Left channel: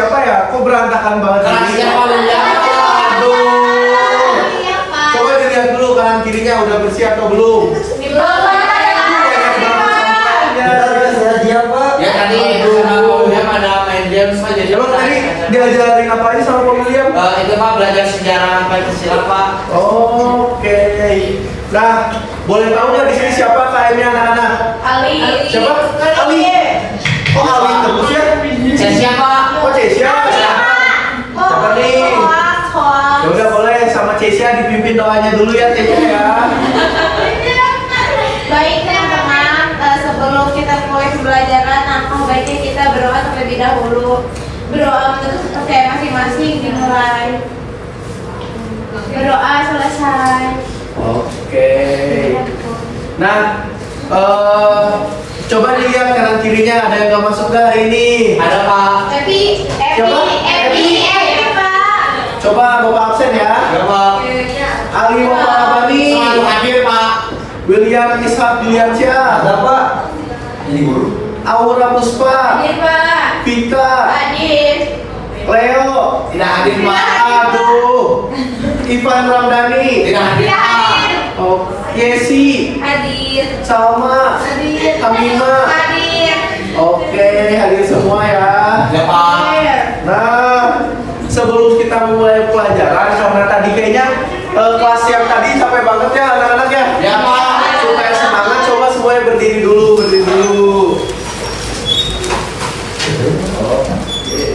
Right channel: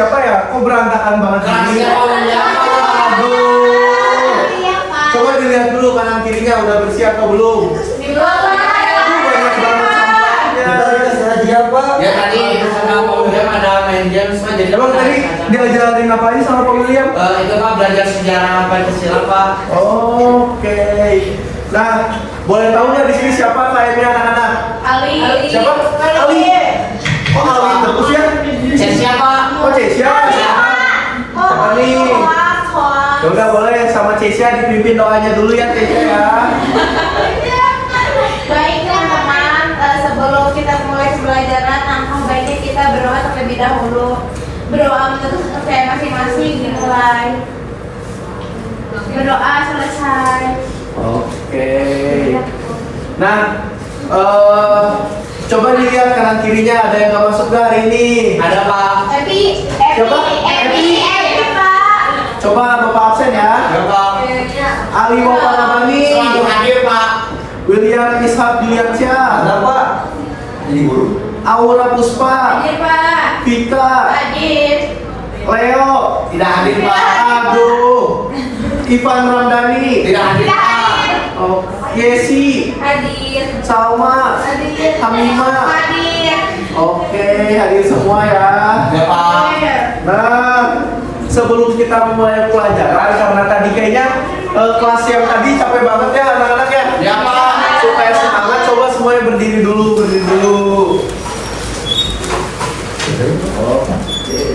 siapa ya? Kok berantakan banget ini? Aduh. Coba dilihat dulu kanan kirinya udah bersih atau belum? Ya tadi dia pada main game so jadi. Emang tadi diajarin apa aja sama Pak William? Itu Pak belajar sejarah Pancasila Pak. Oke. Nah, boleh tahu nggak di sini siapa KM-nya anak-anak? Ali. Siapa? Ali. Oh, Ali terus ya? Cesia Pak. Oh, Cesia. Siapa nih? Ya udah boleh sama Cesia dipimpin doanya dulu ya Cesia. Baik teman-teman, sebelum kita mulai pembelajaran, langkah baiknya kita berdoa terlebih dahulu. Berdoa menurut kepercayaan masing-masing dimulai. Berdoa selesai. Oke. Nah, coba dilihat kanan kirinya ada yang nggak masuk nggak hari ini? Ada Pak. Siapa? Epi, Pak. Coba Bapak absen ya. Ya Pak. Ali Bapak Rabani. Selalu hadir Pak. William Ishak Diansyah. Ada Pak. Ini guru. Aura Puspa. Hadir, Pak. Vita. Hadir. Leo. Tidak hadir Pak. Aduh. Ivan Ramdhani. Tidak hadir Pak. Oh, Yesi. Hadir. Salma. Hadir. Hamima. Hadir. Oke, hadir semua ya. Ya Pak. Nah, sebelum kita memulai pelajaran, karena tadi kayaknya kelas yang tadi capek banget ya anak-anak ya. Ya Pak. Supaya semangat, coba semuanya berdiri dulu, berdiri dulu. Oke.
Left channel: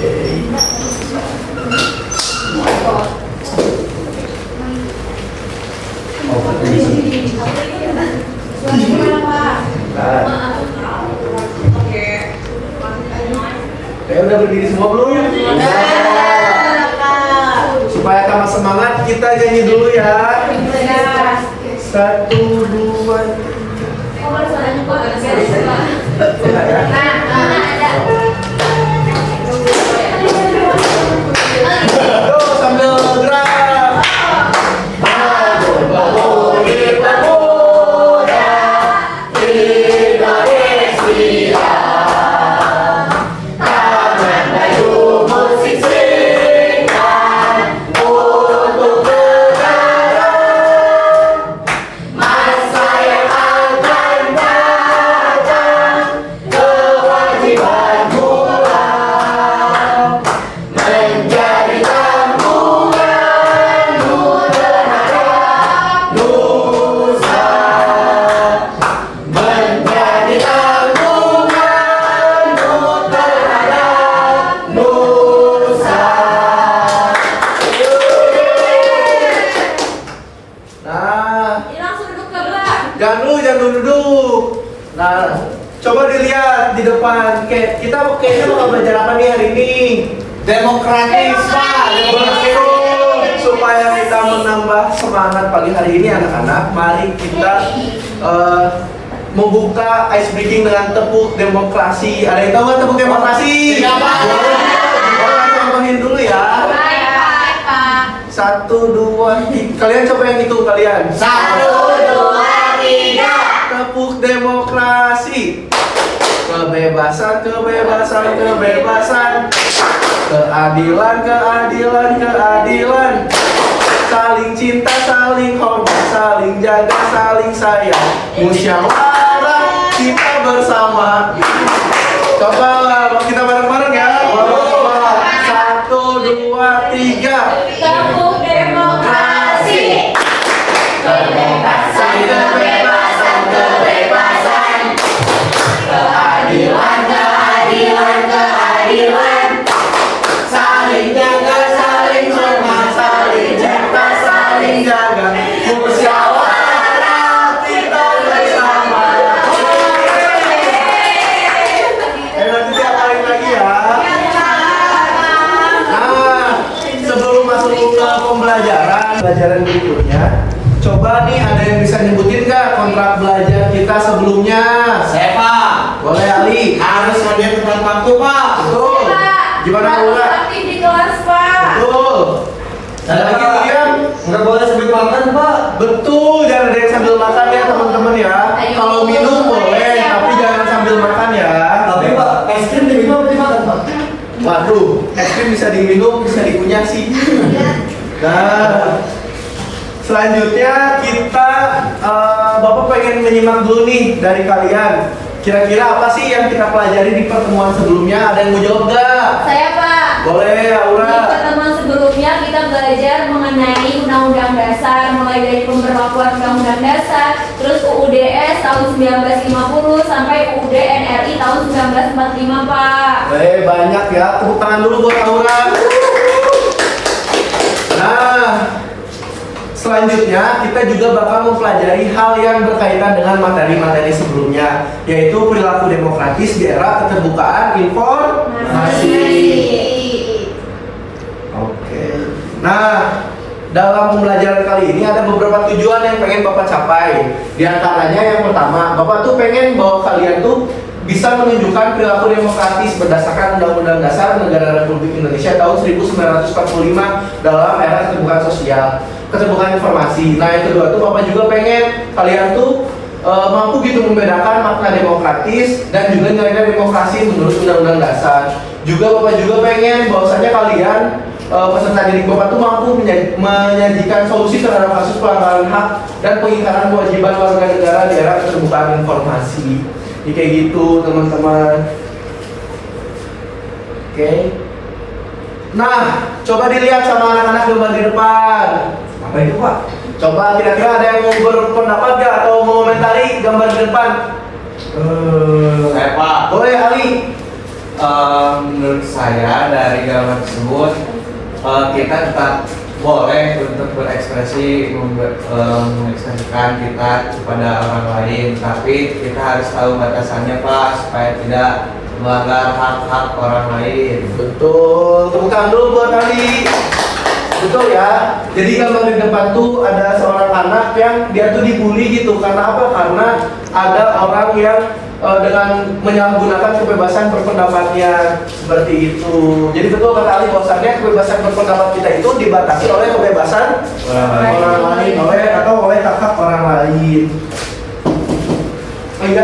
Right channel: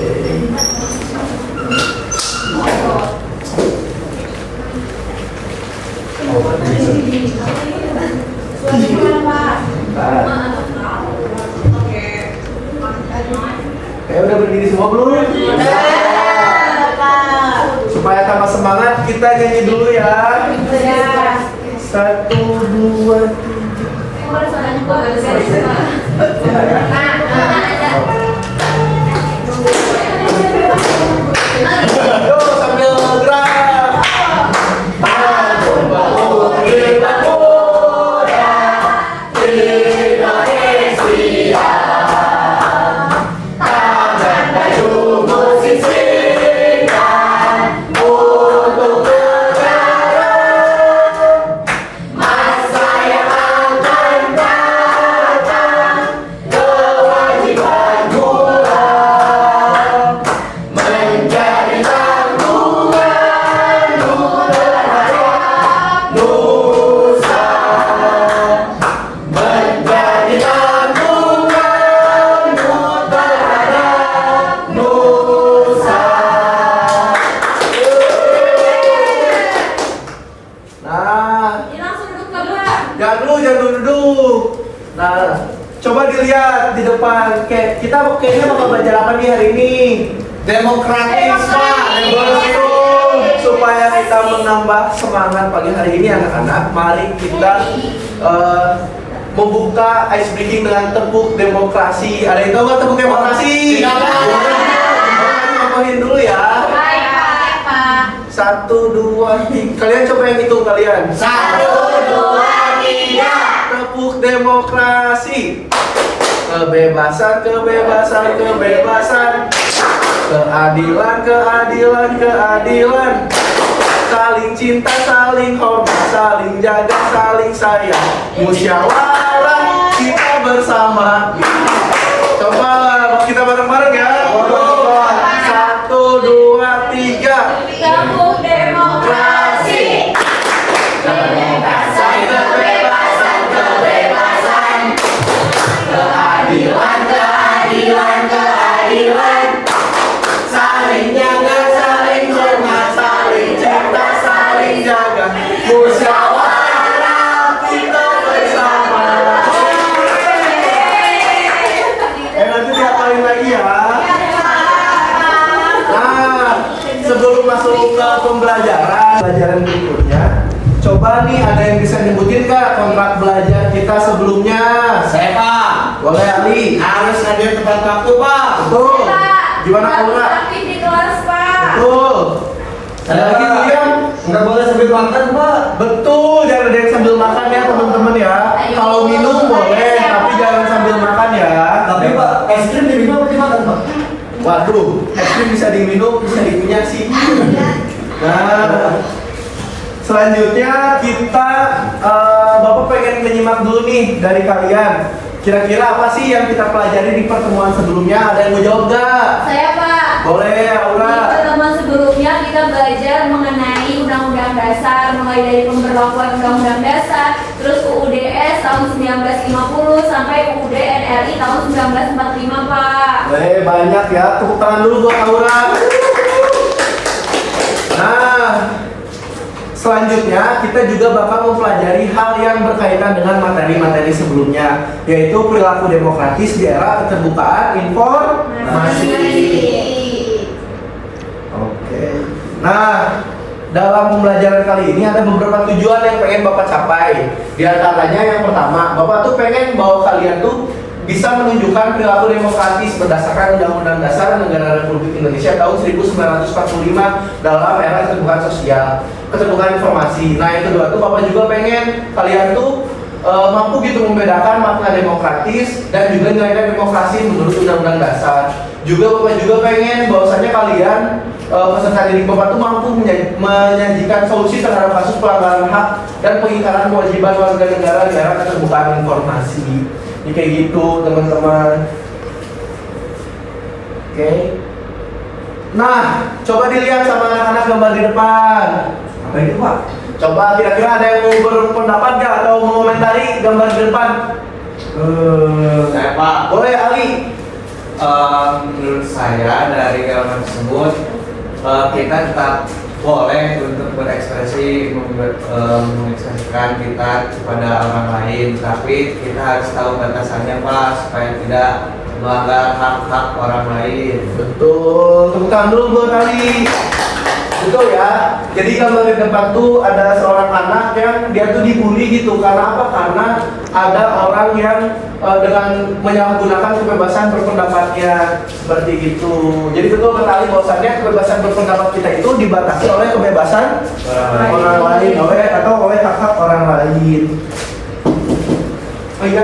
Udah berdiri semua belum? Supaya tambah semangat, kita nyanyi dulu ya. 1, 2, 3. Yo, sambil gerak. Jangan duduk. Nah, coba dilihat di depan. Kita kayaknya bakal belajar apa nih hari ini? Demokratis Pak. Betul. Supaya kita menambah semangat pagi hari ini anak-anak, mari kita membuka ice breaking dengan tepuk demokrasi. Ada yang tahu nggak tepuk demokrasi? Tidak, Pak. Boleh contohin dulu ya. 1, 2, 3. Kalian coba yang hitung kalian. 1, 2, 3. Tepuk demokrasi. Kebebasan, kebebasan, kebebasan. Keadilan, keadilan, keadilan. Saling cinta, saling hormat, saling jaga, saling sayang. Musyawarah kita bersama. Coba kita bareng-bareng ya. 1, 2, 3. Tepuk demokrasi. Kebebasan, kebebasan, kebebasan. Keadilan, keadilan, keadilan. Saling jaga, saling hormat, saling cinta, saling jaga. Musyawarah kita bersama. Nanti diapalin lagi ya. Nah, sebelum masuk ke pembelajaran berikutnya, coba nih ada yang bisa nyebutin kak kontrak belajar kita sebelumnya? Saya Pak. Boleh Ali? Harus hadir tepat waktu Pak. Betul. Gimana Aura? Aktif di kelas, Pak. Betul. Ada lagi William? Nggak boleh sambil makan Pak. Betul, jangan ada yang sambil makan ya teman-teman ya. Kalau minum boleh, tapi jangan sambil makan ya. Tapi Pak, es krim diminum atau dimakan Pak? Waduh, es krim bisa diminum, bisa dikunyah sih. Nah, selanjutnya kita Bapak pengen menyimak dulu nih dari kalian. Kira-kira apa sih yang kita pelajari di pertemuan sebelumnya? Ada yang mau jawab nggak? Saya Pak. Boleh, Di Aura. pertemuan sebelumnya kita belajar mengenai Undang-Undang Dasar, mulai dari pemberlakuan Undang-Undang Dasar, terus UUDS tahun 1950 sampai UUD NRI tahun 1945 Pak. Banyak ya, tepuk tangan dulu buat Aura. Nah, selanjutnya kita juga bakal mempelajari hal yang berkaitan dengan materi-materi sebelumnya, yaitu perilaku demokratis di era keterbukaan informasi. Oke. Nah, dalam pembelajaran kali ini ada beberapa tujuan yang pengen Bapak capai. Di antaranya yang pertama, Bapak tuh pengen bahwa kalian tuh bisa menunjukkan perilaku demokratis berdasarkan Undang-Undang Dasar Negara Republik Indonesia tahun 1945 dalam era keterbukaan sosial, keterbukaan informasi. Nah, yang kedua tuh Bapak juga pengen kalian tuh mampu gitu membedakan makna demokratis dan juga nilai demokrasi menurut Undang-Undang Dasar. Juga Bapak juga pengen bahwasanya kalian peserta didik Bapak tuh mampu menyajikan solusi terhadap kasus pelanggaran hak dan pengingkaran kewajiban warga negara di era keterbukaan informasi. Ini kayak gitu teman-teman. Oke. Nah, coba dilihat sama anak-anak gambar di depan. Apa itu Pak? Coba kira-kira ada yang mau berpendapat gak atau mau komentari gambar di depan? Saya Pak. Boleh Ali. Menurut saya dari gambar tersebut kita tetap boleh untuk berekspresi mengekspresikan kita kepada orang lain, tapi kita harus tahu batasannya Pak supaya tidak melanggar hak-hak orang lain. Betul, tepuk tangan dulu buat Ali. Betul ya. Jadi gambar di depan tuh ada seorang anak yang dia tuh dibully gitu. Karena apa? Karena ada orang yang dengan menyalahgunakan kebebasan berpendapatnya seperti itu. Jadi betul kata Ali bahwasannya kebebasan berpendapat kita itu dibatasi oleh kebebasan orang lain, atau oleh hak-hak orang lain. Oh iya,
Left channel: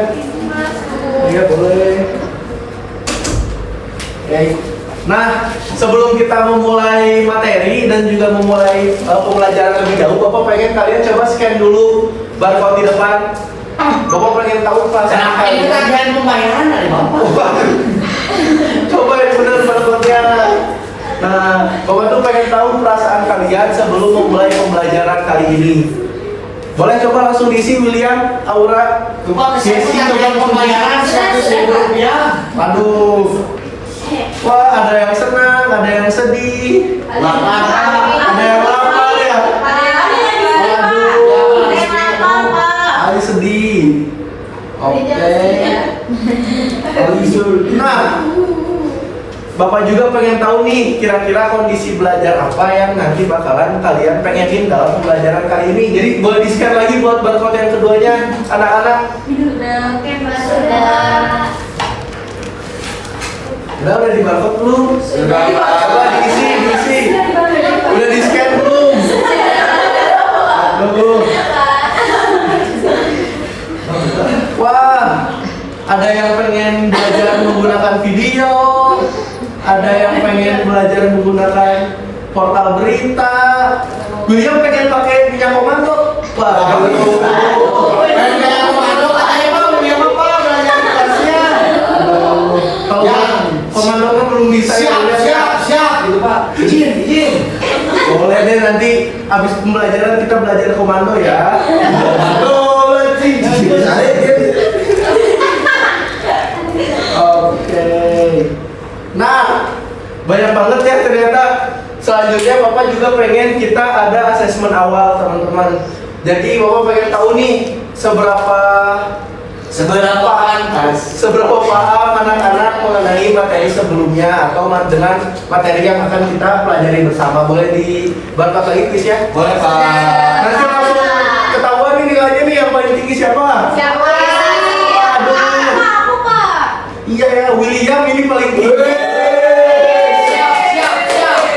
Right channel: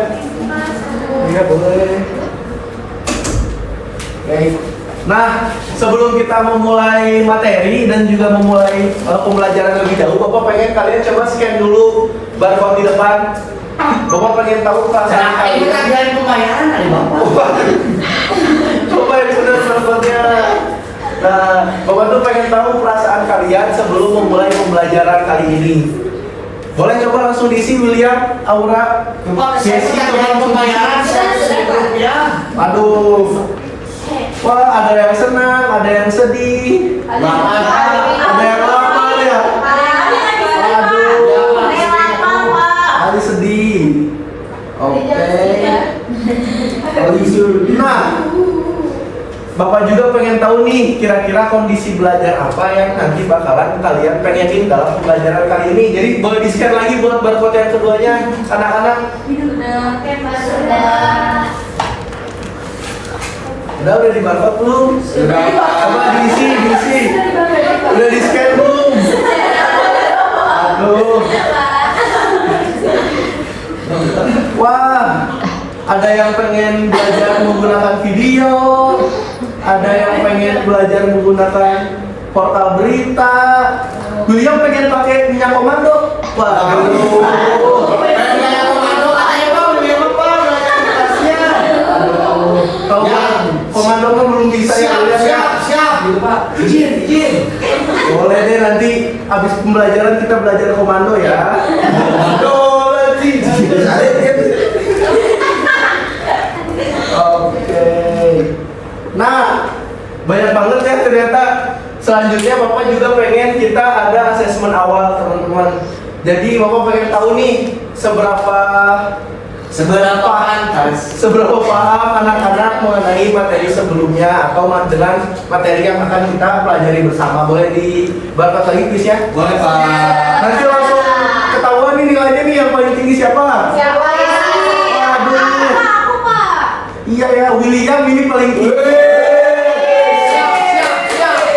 iya boleh. Oke. Nah, sebelum kita memulai materi dan juga memulai pembelajaran lebih jauh, Bapak pengen kalian coba scan dulu barcode di depan. Bapak pengen tahu perasaan Ini kalian. tagihan pembayaran dari Bapak. Coba yang benar barcode-nya. Nah, Bapak tuh pengen tahu perasaan kalian sebelum memulai pembelajaran kali ini. Boleh coba langsung diisi William, Aura, Bapak Jesse, tagihan coba langsung pembayaran diisi. Rp100.000. Aduh. Wah, ada yang senang, ada yang sedih. Lapar. Ada yang lapar ya. Ali sedih. Oke. Nah, Bapak juga pengen tahu nih, kira-kira kondisi belajar apa yang nanti bakalan kalian pengenin dalam pembelajaran kali ini. Jadi boleh di-share lagi buat barcode yang keduanya, anak-anak. Udah di barcode belum? Sudah, Pak. Coba diisi. Udah di-scan belum? Aduh. Wah, ada yang pengen belajar menggunakan video, ada yang pengen belajar menggunakan portal berita. William pengen pakai minyak komando. Wah, tahu komando kan belum bisa ya. Siap. Gitu Pak. Izin. Boleh deh nanti habis pembelajaran kita belajar komando ya. Oke. Nah, banyak banget ya ternyata. Selanjutnya Bapak juga pengen kita ada asesmen awal teman-teman. Jadi Bapak pengen tahu nih seberapa paham anak-anak mengenai materi sebelumnya atau dengan materi yang akan kita pelajari bersama. Boleh di barcode lagi please ya? Boleh Pak. Nanti langsung ketahuan nih nilainya nih yang paling tinggi siapa? Siapa? Aku Pak. Iya ya, William ini paling tinggi.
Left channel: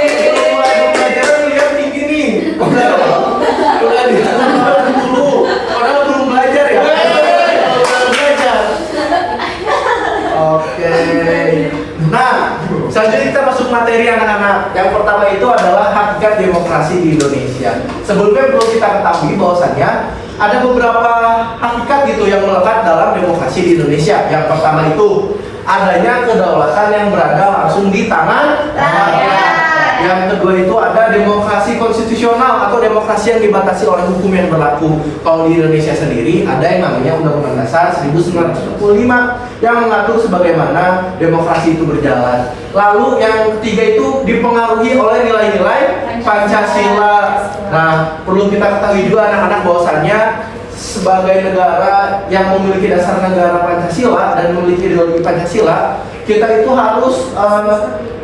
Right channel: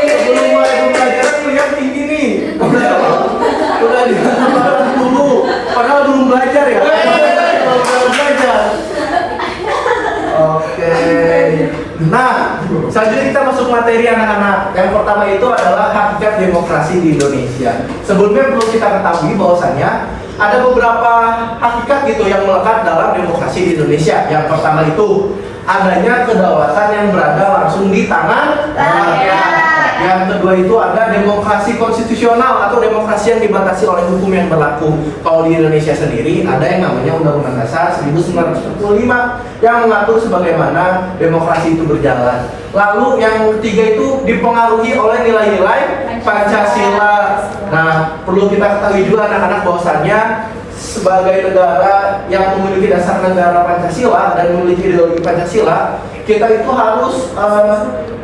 Sebelum mulai pembelajaran William tinggi nih. Udah dikatakan dulu, padahal belum belajar ya. Oke. Nah, selanjutnya kita yang pertama itu adalah hakikat demokrasi di Indonesia. Sebelumnya perlu kita ketahui bahwasannya ada beberapa hakikat gitu yang melekat dalam demokrasi di Indonesia. Yang pertama itu adanya kedaulatan yang berada langsung di tangan rakyat. Yang kedua itu ada demokrasi konstitusional atau demokrasi yang dibatasi oleh hukum yang berlaku. Kalau di Indonesia sendiri ada yang namanya Undang-Undang Dasar 1945 yang mengatur sebagaimana demokrasi itu berjalan. Lalu yang ketiga itu dipengaruhi oleh nilai-nilai Pancasila. Nah, perlu kita ketahui juga anak-anak bahwasannya sebagai negara yang memiliki dasar negara Pancasila dan memiliki ideologi Pancasila, kita itu harus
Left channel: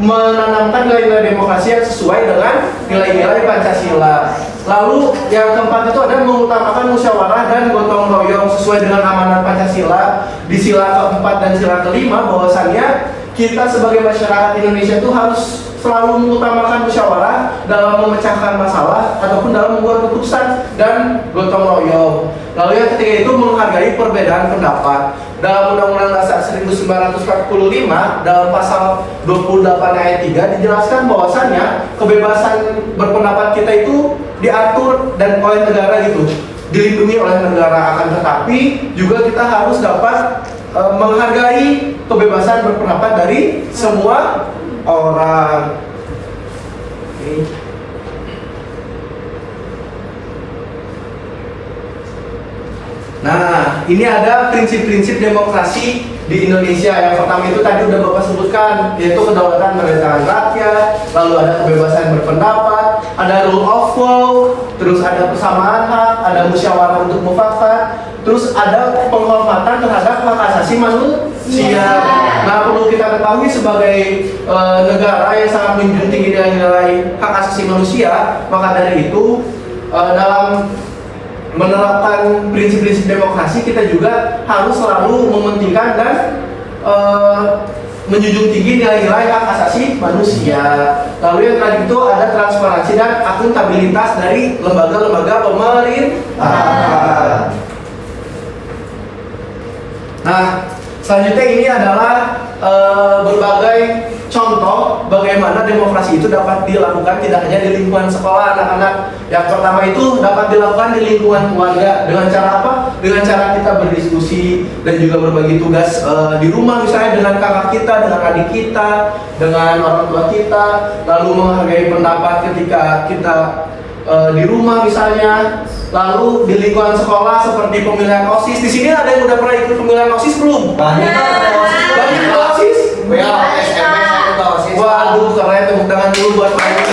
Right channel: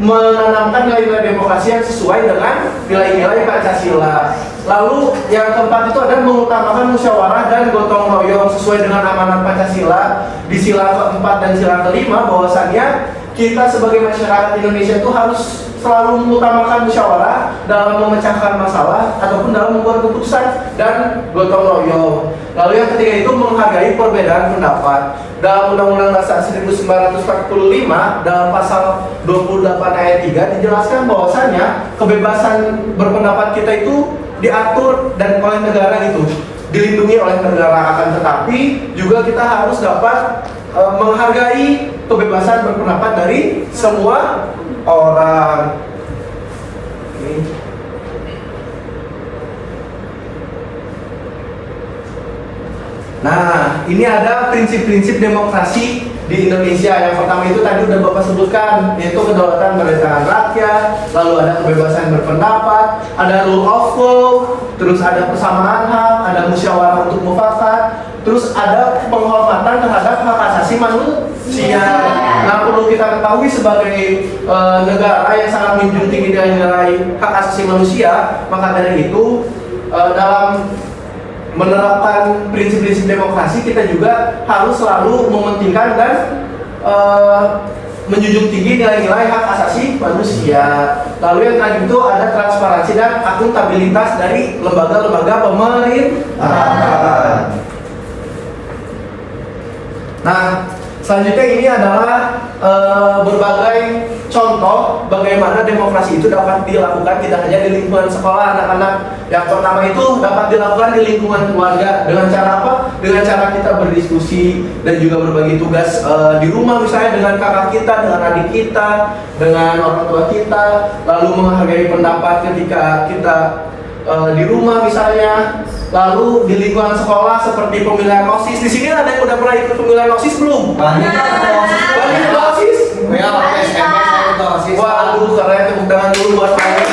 menanamkan nilai-nilai demokrasi yang sesuai dengan nilai-nilai Pancasila. Lalu yang keempat itu ada mengutamakan musyawarah dan gotong royong sesuai dengan amanat Pancasila di sila keempat dan sila kelima, bahwasannya kita sebagai masyarakat Indonesia itu harus selalu mengutamakan musyawarah dalam memecahkan masalah ataupun dalam membuat keputusan dan gotong royong. Lalu yang ketiga itu menghargai perbedaan pendapat. Dalam Undang-Undang Dasar 1945 dalam pasal 28 ayat 3 dijelaskan bahwasannya kebebasan berpendapat kita itu diatur dan oleh negara gitu, dilindungi oleh negara, akan tetapi juga kita harus dapat menghargai kebebasan berpendapat dari semua orang. Nah, ini ada prinsip-prinsip demokrasi di Indonesia. Yang pertama itu tadi udah Bapak sebutkan, yaitu kedaulatan berada di tangan rakyat, lalu ada kebebasan berpendapat, ada rule of law, terus ada persamaan hak, ada musyawarah untuk mufakat, terus ada penghormatan terhadap hak asasi manusia. Nah, perlu kita ketahui sebagai negara yang sangat menjunjung tinggi nilai hak asasi manusia, maka dari itu dalam menerapkan prinsip-prinsip demokrasi kita juga harus selalu mementingkan dan menjunjung tinggi nilai-nilai hak asasi manusia. Lalu yang terakhir itu ada transparansi dan akuntabilitas dari lembaga-lembaga pemerintah. Nah, selanjutnya ini adalah berbagai contoh bagaimana demokrasi itu dapat dilakukan tidak hanya di lingkungan sekolah anak-anak. Yang pertama itu dapat dilakukan di lingkungan keluarga. Dengan cara apa? Dengan cara kita berdiskusi dan juga berbagi tugas di rumah, misalnya dengan kakak kita, dengan adik kita, dengan orang tua kita. Lalu menghargai pendapat ketika kita di rumah misalnya. Lalu di lingkungan sekolah seperti pemilihan OSIS. Di sini ada yang udah pernah ikut pemilihan OSIS belum? Banyak Banyak OSIS? ya, SMP saya ikut OSIS. Waduh, keren, tepuk tangan dulu buat Mani.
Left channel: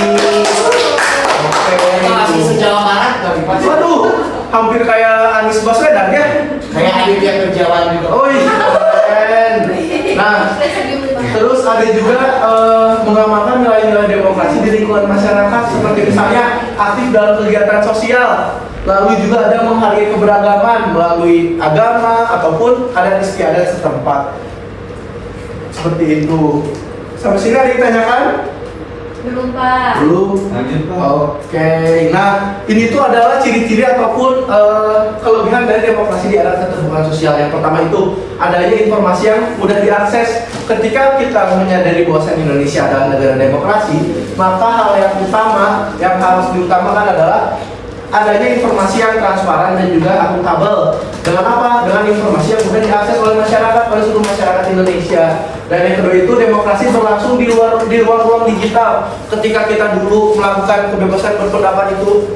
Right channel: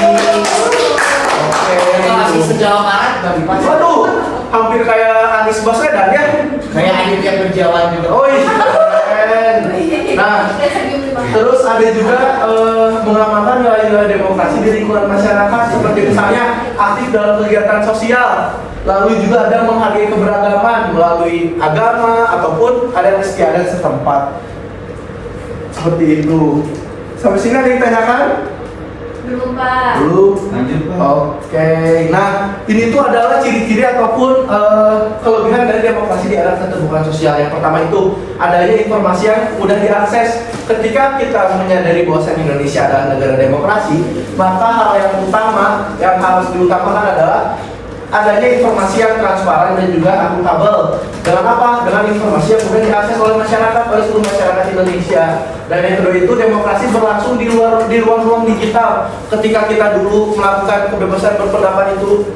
Oke. Masih sejauh mana tadi Pak? Waduh, hampir kayak Anies Baswedan ya. Kayak Aditya Kerjawan juga. Oh iya, keren. Nah, terus ada juga mengamalkan nilai-nilai demokrasi di lingkungan masyarakat, seperti misalnya aktif dalam kegiatan sosial. Lalu juga ada menghargai keberagaman melalui agama ataupun adat istiadat setempat. Seperti itu. Sampai sini ada yang ditanyakan? Belum, Pak. Belum. Lanjut Pak. Oke. Nah, ini tuh adalah ciri-ciri ataupun kelebihan dari demokrasi di era keterbukaan sosial. Yang pertama itu adanya informasi yang mudah diakses. Ketika kita menyadari bahwa Indonesia adalah negara demokrasi, maka hal yang utama yang harus diutamakan adalah adanya informasi yang transparan dan juga akuntabel. Dengan apa? Dengan informasi yang mudah diakses oleh masyarakat, oleh seluruh masyarakat Indonesia. Dan yang kedua itu demokrasi berlangsung di ruang-ruang digital. Ketika kita dulu melakukan kebebasan berpendapat itu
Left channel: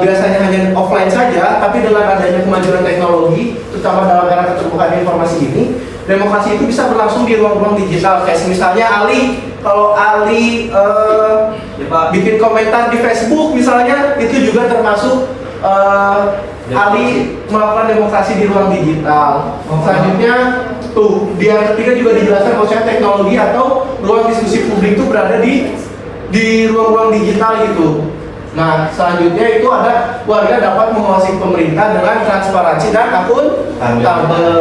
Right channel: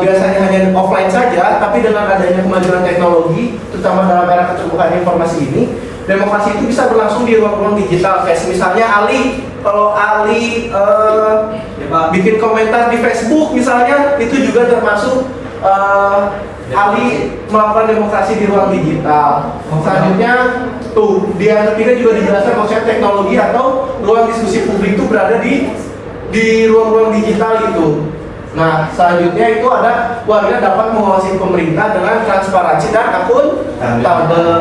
biasanya hanya offline saja, tapi dengan adanya kemajuan teknologi, terutama dalam era keterbukaan informasi ini, demokrasi itu bisa berlangsung di ruang-ruang digital. Kayak misalnya kalau Ali bikin komentar di Facebook misalnya, itu juga termasuk Ali melakukan demokrasi di ruang digital. Selanjutnya tuh di yang ketiga juga dijelaskan konsep teknologi atau ruang diskusi publik itu berada di ruang-ruang digital gitu. Nah, selanjutnya itu ada warga dapat mengawasi pemerintah dengan transparansi dan akuntabel.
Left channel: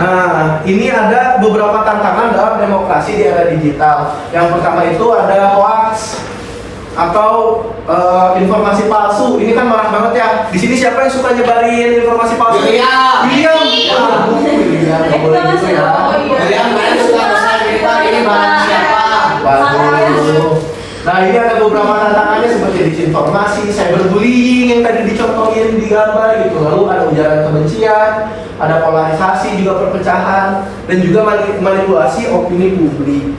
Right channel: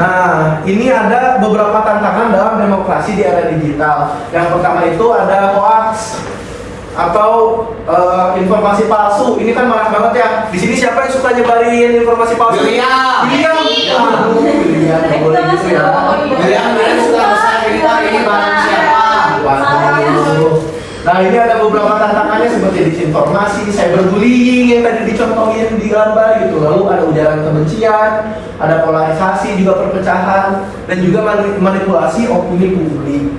Nah, ini ada beberapa tantangan dalam demokrasi di era digital. Yang pertama itu ada hoax. atau informasi palsu. Ini kan marak banget ya. Di sini siapa yang suka nyebarin informasi palsu? William. William. Aduh, William. Nggak boleh gitu ya. William kemarin suka pesan ini Pak, ini barang siapa? Waduh. Nah, ini ada beberapa tantangannya seperti disinformasi, cyberbullying yang tadi dicontohin di gambar gitu. Lalu ada ujaran kebencian, ada polarisasi, juga perpecahan, dan juga manipulasi opini publik.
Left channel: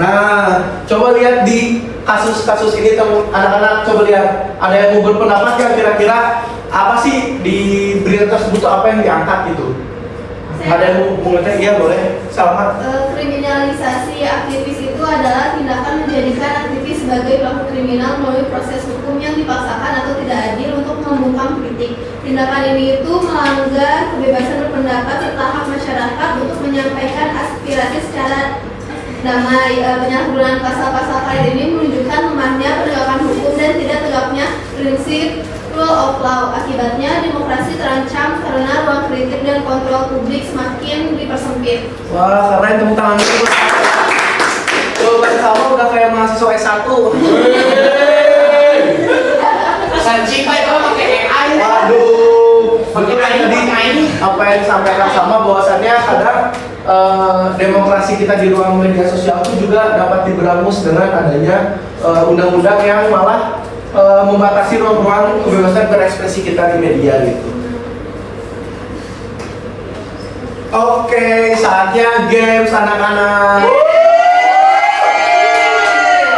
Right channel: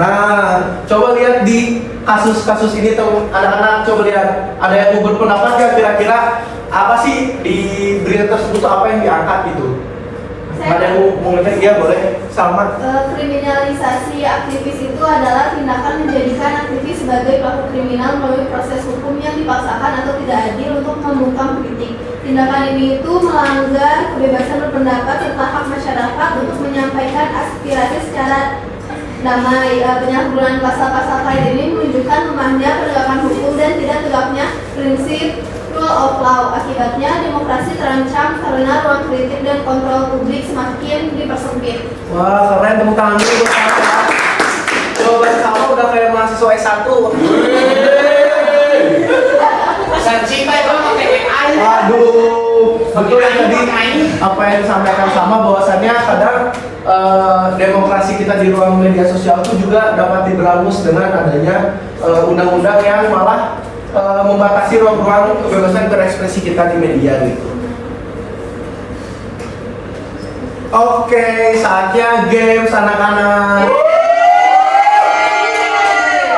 Nah, coba lihat di kasus-kasus ini teman anak-anak, coba lihat ada yang mau berpendapat nggak kira-kira apa sih di berita tersebut apa yang diangkat gitu? Ada yang mau ngerti? Iya boleh, Salma. Kriminalisasi aktivis itu adalah tindakan menjadikan aktivis sebagai pelaku kriminal melalui proses hukum yang dipaksakan atau tidak adil untuk membungkam kritik. Tindakan ini itu melanggar kebebasan berpendapat serta hak masyarakat untuk menyampaikan aspirasi secara damai. Penyalahgunaan pasal-pasal karet ini menunjukkan lemahnya penegakan hukum dan tidak tegaknya prinsip rule of law. Akibatnya demokrasi terancam karena ruang kritik dan kontrol publik semakin dipersempit. Wah, keren, tepuk tangan dulu buat Salma. Jawaban Salma udah kayak mahasiswa S1. Sanksi Pak itu pakai AI. Waduh, betul ya tadi apa yang disampaikan sama bahwasannya kadang demokrasi kita di ruang media sosial itu juga dapat diberangus dengan adanya undang-undang yang malah membatasi ruang-ruang kebebasan berekspresi kita di media gitu. Oke, saatnya games anak-anak.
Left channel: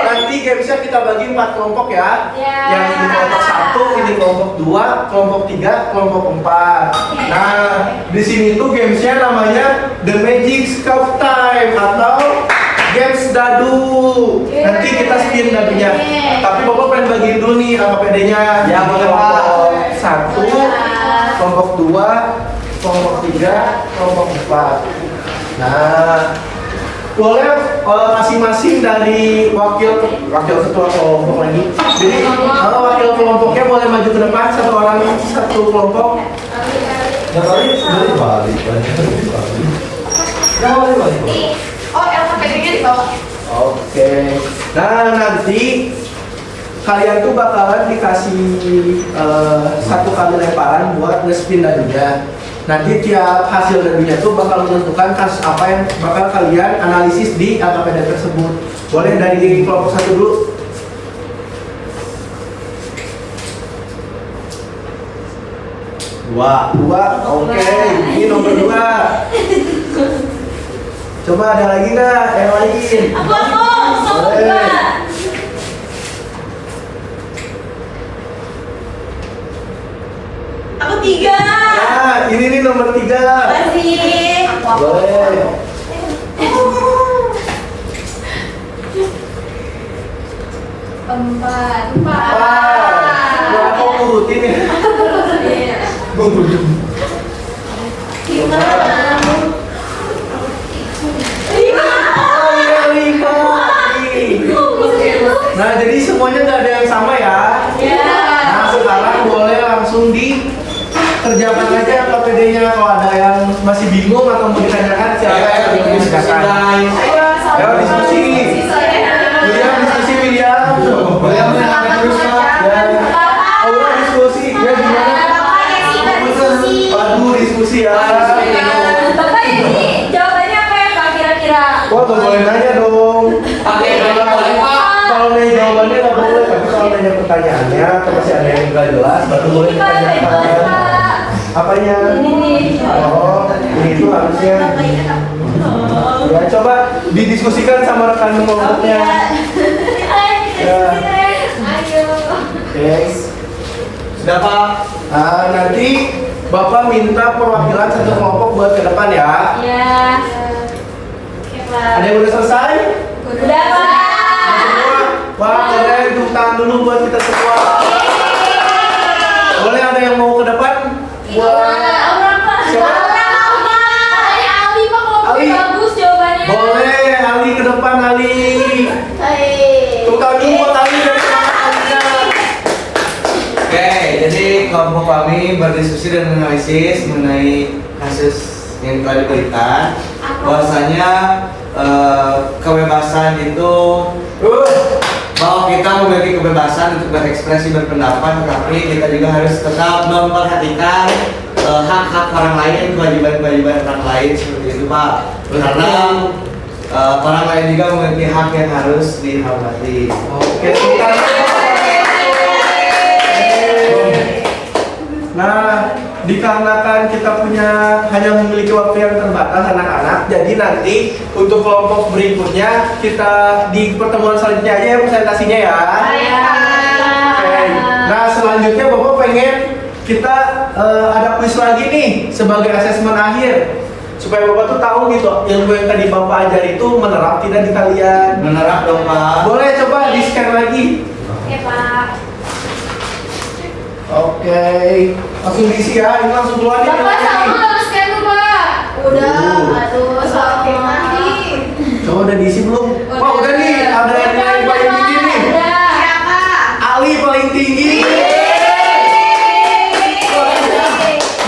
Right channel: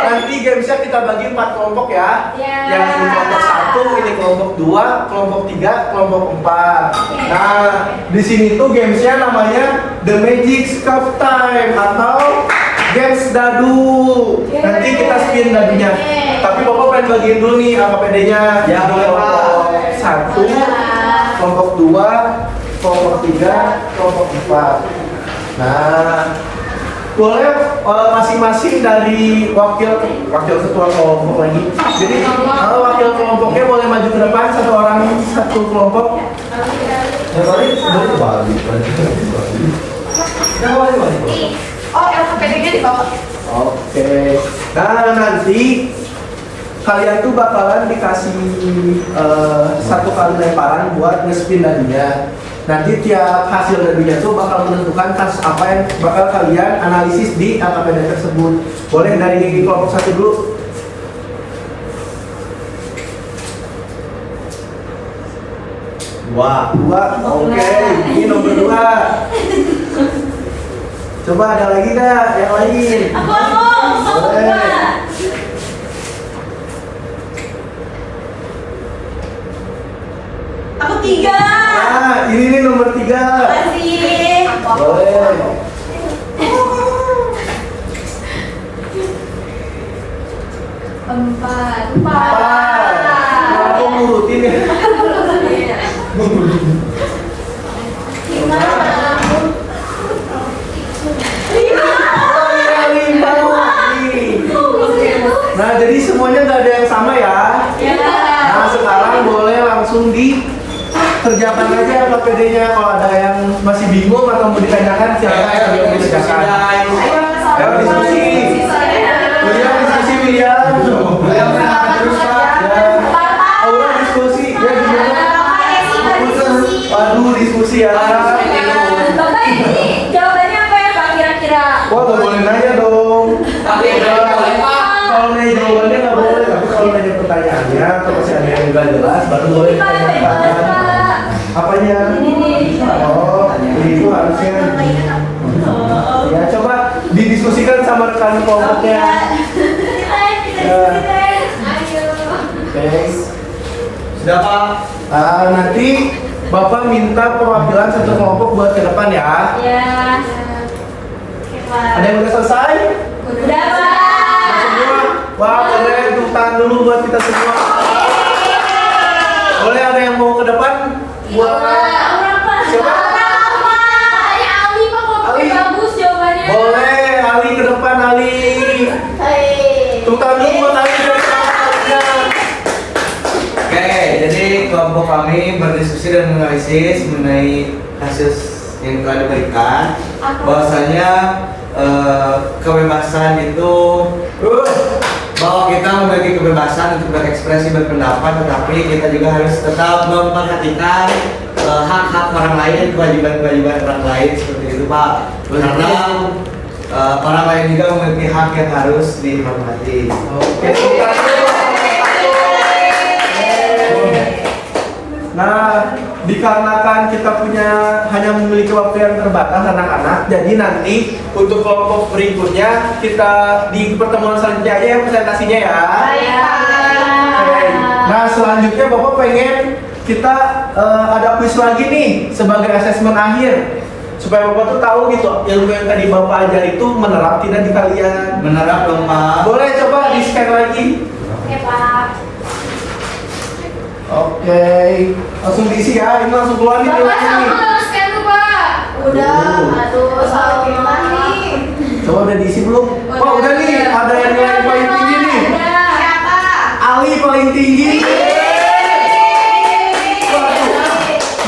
Nanti gamesnya kita bagi 4 kelompok ya. Yang ini kelompok 1, ini kelompok 2, kelompok 3, kelompok 4. Nah, di sini tuh gamesnya namanya The Magic Scarf Time atau Games Dadu. Nanti kita spin dadunya. Tapi Bapak pengen bagiin dulu nih AKPD-nya. Ya, boleh, Pak. Kelompok 1, kelompok 2, kelompok 3, kelompok 4. Nah, boleh masing-masing dari wakil ketua kelompok lagi. Jadi wakil kelompoknya boleh maju ke depan, satu orang satu kelompok. Oh, LKPD-nya di bawah. Oke. Nah, nanti kalian tuh bakalan dikasih satu kali lemparan buat nge-spin dadunya. Nanti tiap hasil dadunya tuh bakal menentukan kasus apa yang bakal kalian analisis di LKPD tersebut. Boleh dari kelompok 1 dulu. Dua, oke. Ini nomor 2. Coba ada lagi nggak yang lain? Aku Boleh. enggak. Aku 3. Nah, ini nih nomor 3. Masih. Boleh. Empat. Nah, aku ngurutin ya. Lima. Oh iya, 5. Nah, jadi semuanya nggak ada yang sama ya. Nah, sekarang boleh langsung dikerjakan aja LKPD-nya. Kalau ada yang masih bingung atau mau ditanyakan, silakan diskusikan. Ayo diskusi. William diskusi, William. William menangkap terus ya. Aura diskusi. Ya gimana? Aduh, diskusi ya. Bapak ini jawabannya apa ya Pak kira-kira? Wah, gak boleh nanya dong. Pakai ini boleh Pak. Kalau nanya jawabannya nggak boleh, tapi kalau nanya pertanyaannya atau masih ada yang nggak jelas, baru boleh ditanyakan. Apanya? Oh, begitu harusnya. Ya, coba didiskusikan sama rekan kelompoknya. Ayo. Oke. Sudah Pak. Nah, nanti Bapak minta perwakilan satu kelompok buat ke depan ya. Ya. Oke, Pak. Ada yang udah selesai? Udah, Pak. Semua? Wah, boleh tepuk tangan dulu buat kita semua. Boleh ada yang mau ke depan? Buat siapa? Ali. Bagus jawabannya. Boleh, Ali ke depan, Ali. Tepuk tangan dulu buat Ali dari semangatnya. Oke, jadi kelompok kami berdiskusi dan menganalisis mengenai kasus yang telah diberikan. Bahwasanya kebebasan itu kebebasan untuk berekspresi berpendapat, tetapi kita juga harus tetap memperhatikan hak-hak orang lain, kewajiban-kewajiban orang lain seperti itu Pak. Karena orang lain juga memiliki hak yang harus dihormati. Oke, nah, dikarenakan kita hanya memiliki waktu yang terbatas anak-anak, jadi nanti untuk kelompok berikutnya kita di pertemuan selanjutnya aja ya presentasinya ya. Oke. Nah, selanjutnya Bapak pengen kita ada kuis lagi nih sebagai asesmen akhir supaya Bapak tuh tahu gitu ilmu yang tadi Bapak ajar itu menerap tidak di kalian. Menerap dong Pak. Boleh coba di scan lagi. Oke Pak. Oke, langsung diisi ya, ini langsung keluar nih. Bapak sama scan tuh Pak. Udah, aduh salah lagi. Coba udah diisi belum? Wah udah nih, ada yang paling tinggi nih. Siapa? Ali paling tinggi.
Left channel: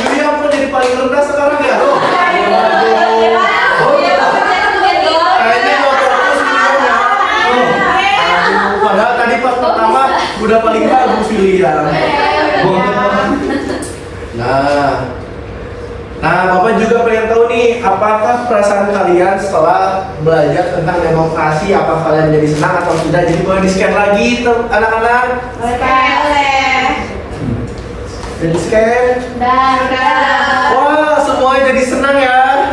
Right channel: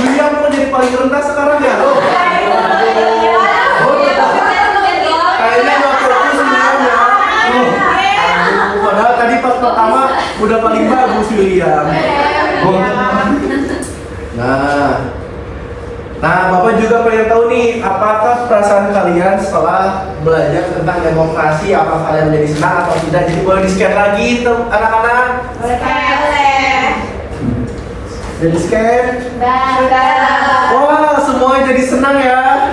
William mau jadi paling rendah sekarang ya? Oh, kayaknya nggak fokus William ya. Padahal tadi pas pertama udah paling bagus William. Nah, Bapak juga pengen tahu nih, apakah perasaan kalian setelah belajar tentang demokrasi, apa kalian menjadi senang atau tidak? Jadi boleh di-scan lagi tuh anak-anak. Boleh. Udah di-scan? Udah. Wah, semuanya jadi senang ya.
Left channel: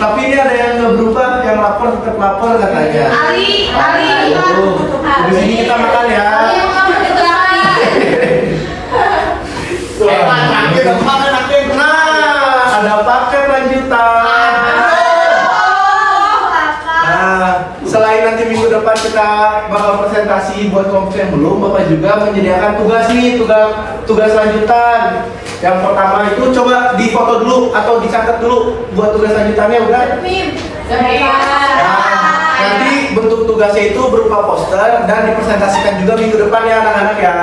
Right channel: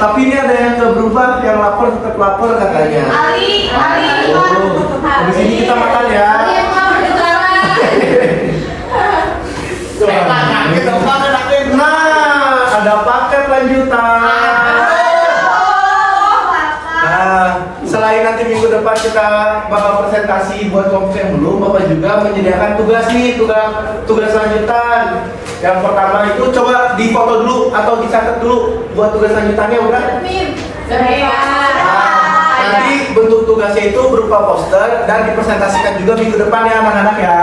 Tapi ini ada yang nggak berubah, yang lapar tetap lapar katanya. Ali. Di sini kita makan ya. Nah, ada paket lanjutan. Nah, selain nanti minggu depan kita bakal presentasi buat kelompok yang belum, Bapak juga menyediakan tugas nih, tugas lanjutan. Yang pertama itu coba difoto dulu atau dicatat dulu buat tugas lanjutannya udah. Nah, nanti bentuk tugasnya itu berupa poster dan dipresentasikan juga minggu depan ya anak-anak ya.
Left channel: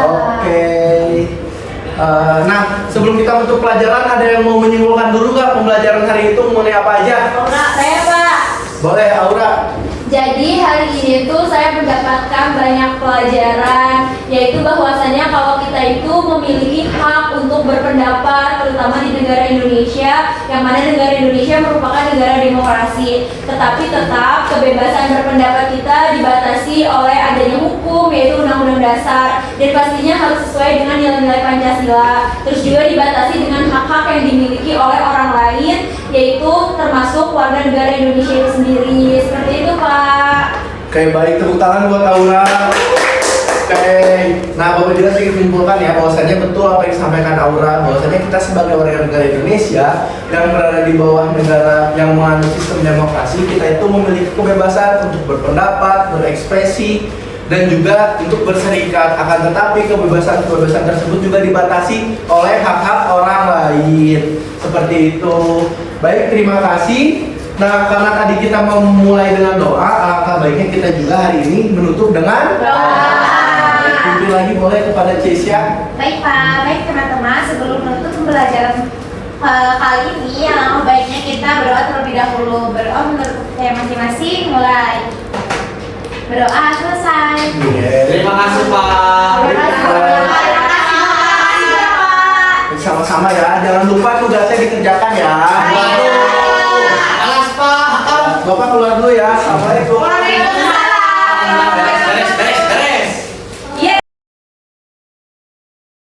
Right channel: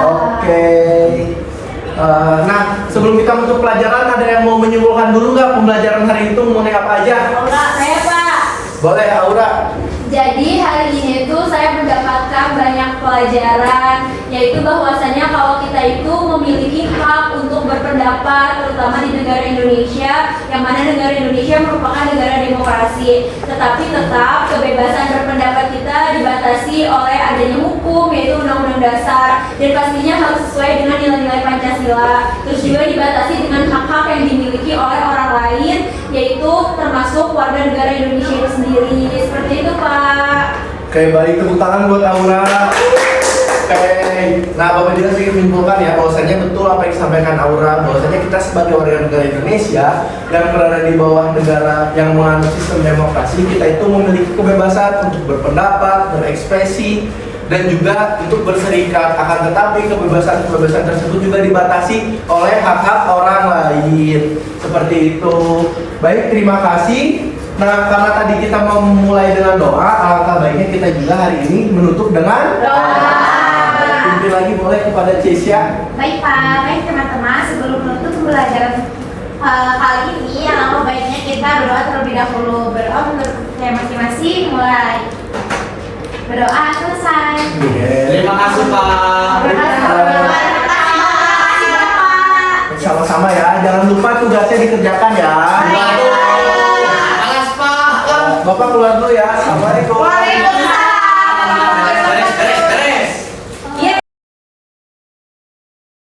Oke. Nah, sebelum kita untuk pelajaran ada yang mau menyimpulkan dulu nggak pembelajaran hari itu mengenai apa aja? Saya Pak. Boleh, Aura. Jadi hari ini tuh saya mendapatkan banyak pelajaran, yaitu bahwasanya kalau kita itu memiliki hak untuk berpendapat, terutama di negara Indonesia, yang mana negara Indonesia merupakan negara demokrasi. Tetapi tetap kebebasan berpendapat kita dibatasi oleh adanya hukum, yaitu Undang-Undang Dasar, dan pastinya harus sesuai dengan nilai-nilai Pancasila. Terus juga dibatasi dengan hak-hak yang dimiliki oleh orang lain, yaitu termasuk warga negara Indonesia itu sendiri. Seperti itu Pak. Oke, baik, tepuk tangan buat Aura. Oke, nah Bapak juga ingin menyimpulkan ya bahwasanya betul apa yang disampaikan Aura, bahwasanya kita sebagai warga negara Indonesia yang berada di bawah negara yang menganut sistem demokrasi, kita itu memiliki kebebasan untuk berpendapat, berekspresi, dan juga untuk berserikat. Akan tetapi kebebasan tersebut juga dibatasi oleh hak-hak orang lain. Seperti itu. Baik, terima kasih. Nah, karena tadi kita mau memulai dengan doa, alangkah baiknya kita juga hari ini menutup dengan doa. Pimpin lagi boleh kepada Cesia. Baik Pak, baik teman-teman, sebelum menutup pembelajaran kali ini, yang baiknya kita berdoa terlebih dahulu. Berdoa menurut saya masing-masing, mulai. Berdoa selesai. Terima kasih Pak. Sama-sama ya, jangan lupa tugasnya dikerjakan ya. Alas Pak. Bapak keluar dulu ya. Assalamualaikum.